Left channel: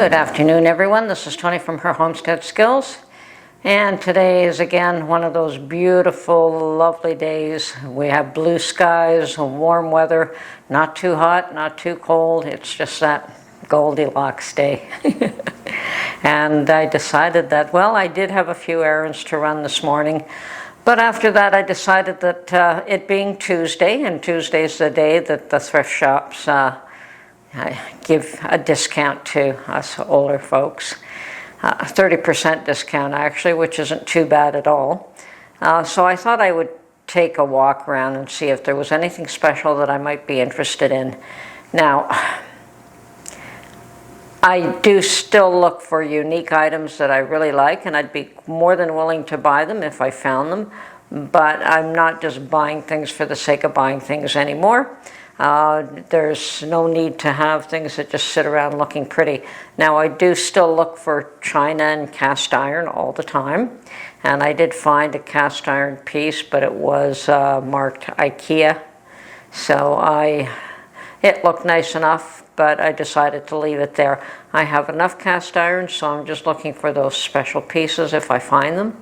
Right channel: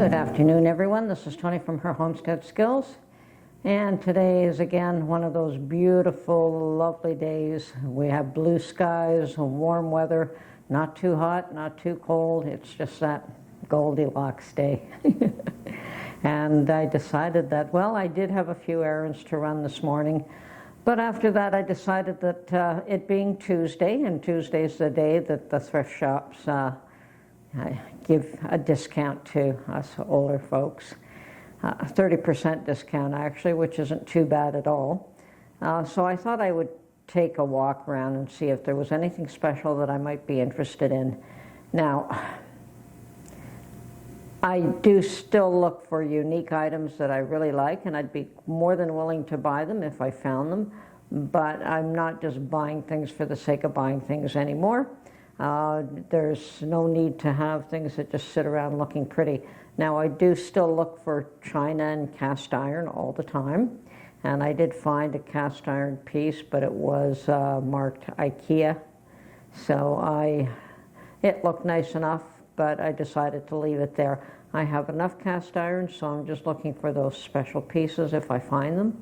Good afternoon, everyone. This is Tony from Her Homestead Skills. And today is again one of those beautiful, lovely days. We have blue skies, warm weather, not too hot, not too cold. It's just that Goldilocks day. And I decided that, well, I did have a few errands to run this morning. But after that, I decided that it being Tuesday, and Tuesday's the day that the thrift shops I give a discount to us older folks, 30% discount actually, which isn't too bad at all. So I thought I would take a walk around and see if there was anything special that I might be interested in. Now, I do still look for unique items that I really like, and I'd be more than willing to buy them if I found them, but I'm not just buying things for the sake of buying things anymore. There's no need to have things that just sit around looking pretty. Now, I do still look for china and cast iron all the time, and I did find a cast iron piece, but it was marked IKEA, so it looked nice enough, but I decided to leave it there. I have enough cast iron, so I'm just looking for those special pieces if I find them.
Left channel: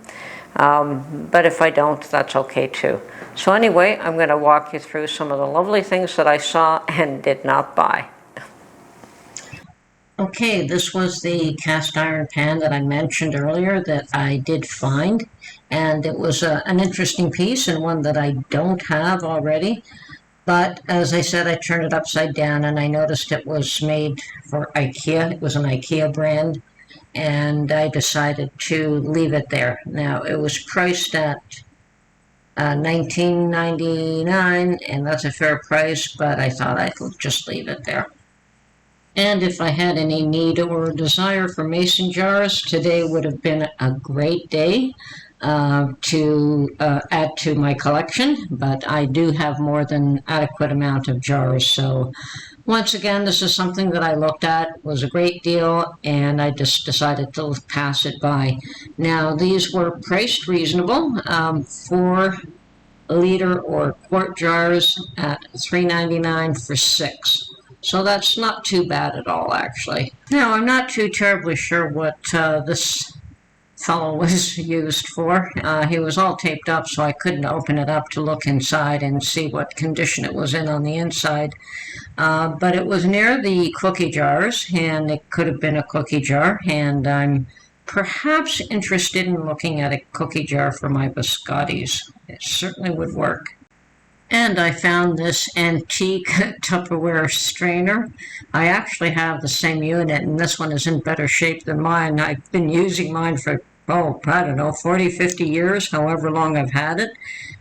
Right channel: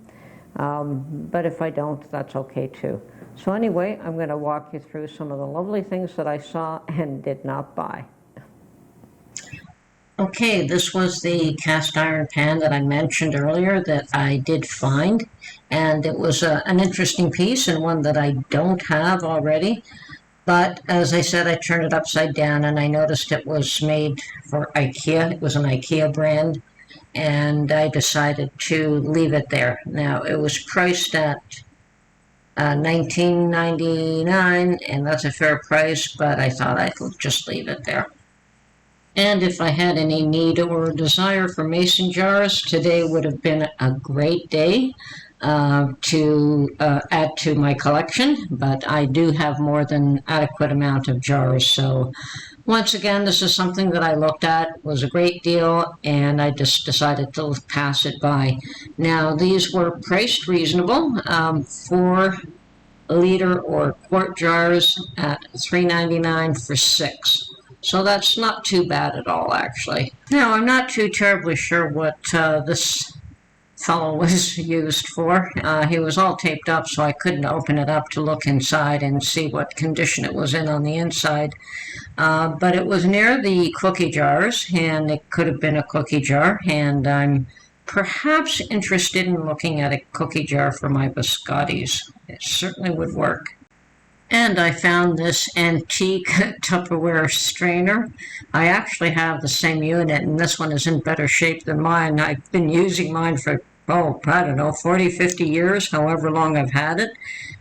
But if I don't, that's okay too. So anyway, I'm going to walk you through some of the lovely things that I saw and did not buy. Okay, this was the cast iron pan that I mentioned earlier that I did find, and it was an interesting piece and one that I don't have already. But as I said, I turned it upside down and I noticed it was made for IKEA. It was an IKEA brand, and I decided to leave it there. Now, it was priced at $19.99, and that's a fair price, but I thought I'd just leave it there. And if I had any need or desire for mason jars, today would have been a great day to add to my collection, but I do have more than adequate amount of jars. So once again, this is something that I looked at, was a great deal, and I just decided to pass it by. Now, these were priced reasonable, 4-liter or quart jars at $3.99 for 6. So that's not too bad at all, actually. Now, I'm not too terribly sure what this fellow was used for. He was all taped up, so I couldn't open it up to look inside and see what condition it was in on the inside. But it was near the cookie jars, and it could have been a cookie jar, and I'm perhaps interested in looking at a cookie jar for my biscottis. It certainly would work. And I found this antique Tupperware strainer. I actually have the same unit, and this one is in better shape than mine. I've been using mine for, I don't know, 40, 50 years, however long I've had it.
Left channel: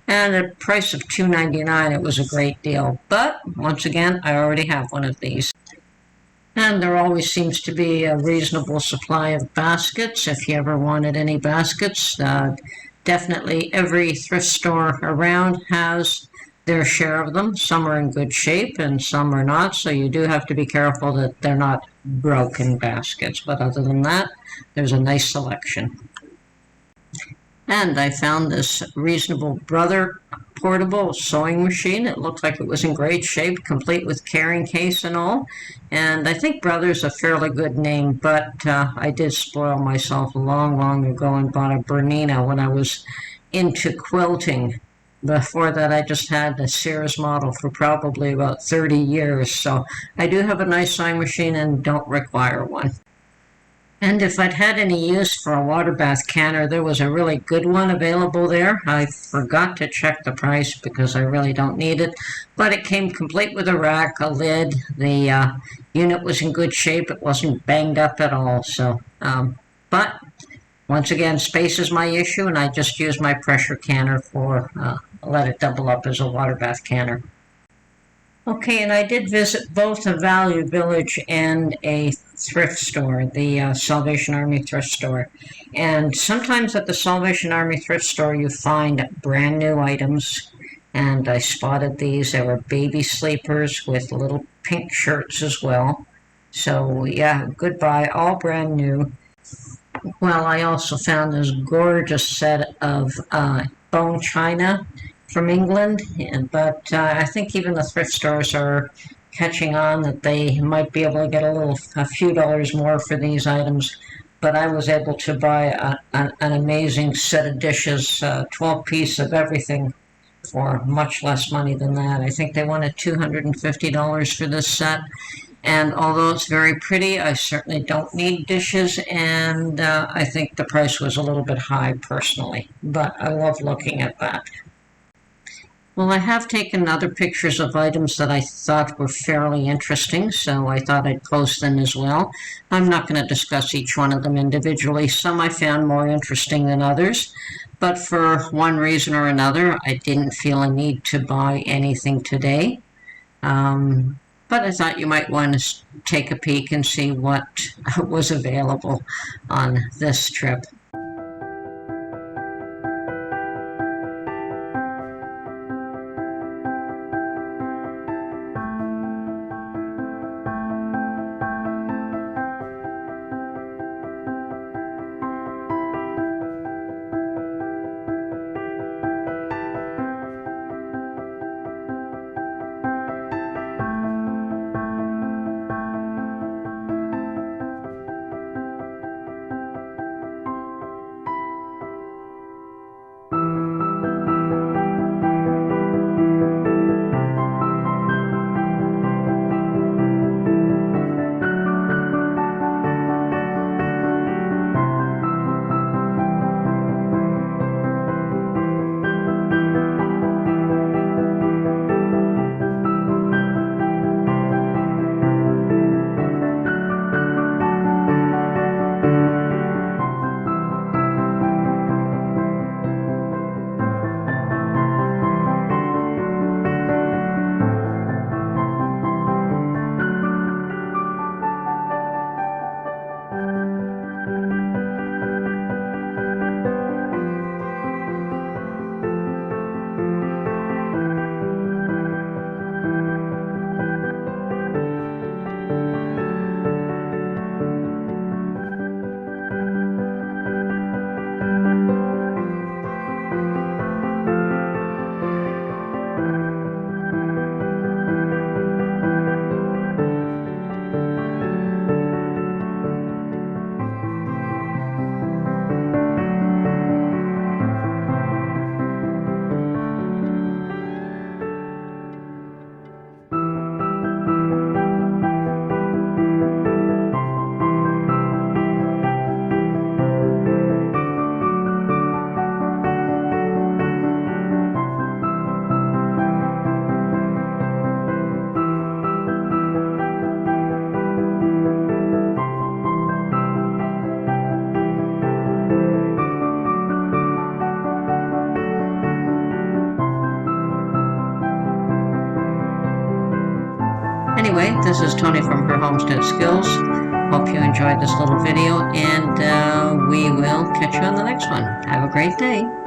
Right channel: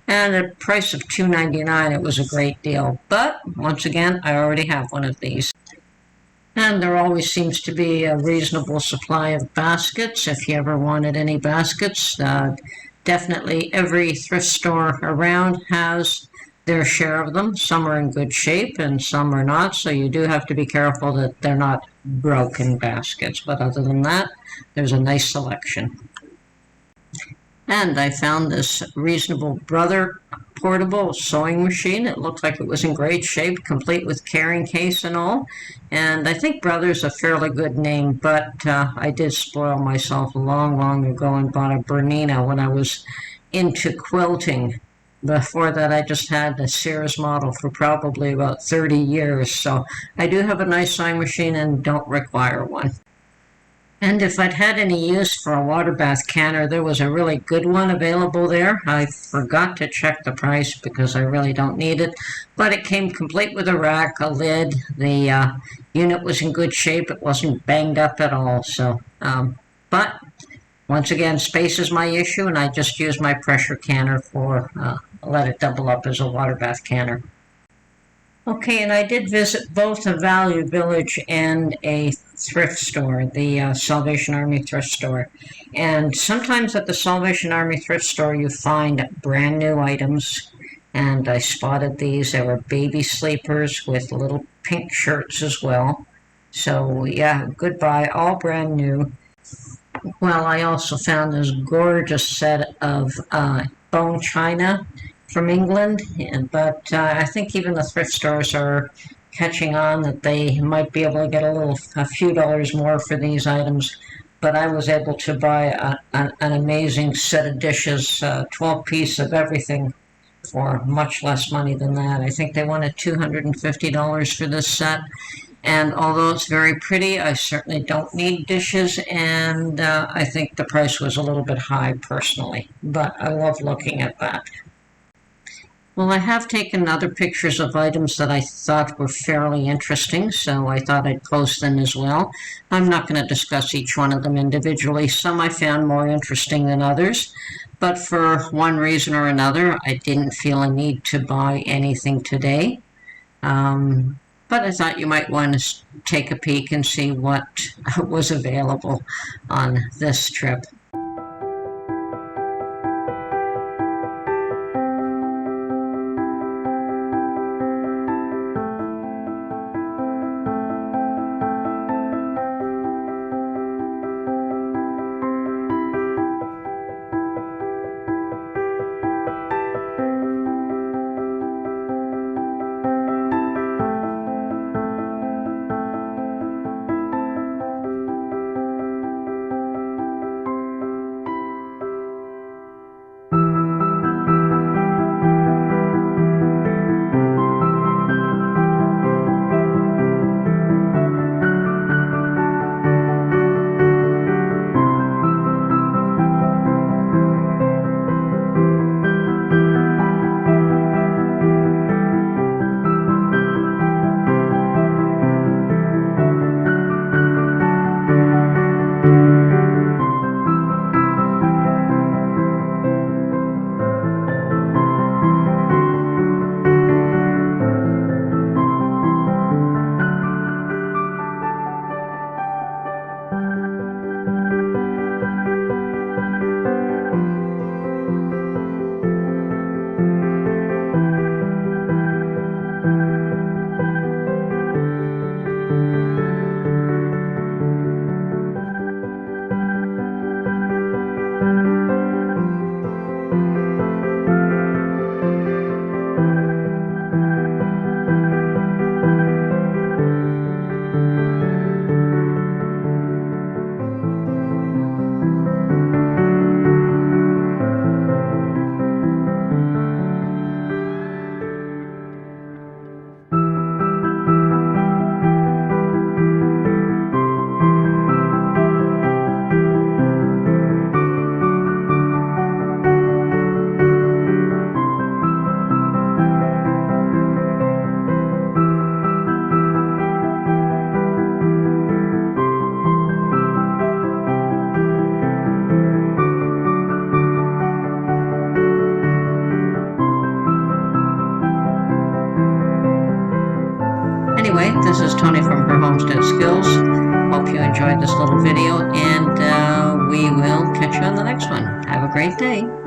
And at a price of $2.99, it was a great deal. But, once again, I already have one of these. And there always seems to be a reasonable supply of baskets. If you ever wanted any baskets, definitely every thrift store around has their share of them. Some are in good shape and some are not, so you do have to be careful that they're not broken baskets. But other than that, there's a nice selection. And I found this Reasonable Brother portable sewing machine. It looked like it was in great shape, complete with carrying case and all. And I think Brother's a fairly good name, but I did spoil myself long ago and bought a Bernina when I was into quilting. Before that, I just had a Sears model for probably about 30 years. So I do have a nice sewing machine and don't require one. And if I'd had any use for a water bath canner, there was a really good one available there. I forgot to check the price because I really don't need it. But it came complete with a rack, a lid. The unit was in good shape. It wasn't banged up at all. So, but once again, space is my issue, and I just use my pressure canner for, let it double up as a water bath canner. Okay, and I did visit both a Value Village and a thrift store, the Salvation Army thrift store. And sometimes at the Salvation Army thrift store you find brand new items, and I spotted these. They were baby sleepers with little pink shirts as well. So yeah, good buy, all brand new. Well, I also found this gorgeous set of bone china from England, but I think even the thrift stores are catching on that they might be able to get a few dollars more for these items. But I was able to buy an amazing set of dishes, 12 piece of everything, for much less money than that. I think they wanted $250 for this set. And although it's very pretty, I certainly don't need dishes, and I think the price was a little bit high personally. But I love looking at that. Well, I have taken other pictures of items that I thought were fairly interesting, so I thought I'd post them as well. I'm not going to discuss each one of them individually. Some I found more interesting than others, but for one reason or another, I didn't feel a need to buy anything today. But I thought you might want to take a peek and see what was available on this trip. Anyway, this is Tony from Her Homestead Skills. Hope you enjoyed this little video, and we will catch you on the next one. Have a great day.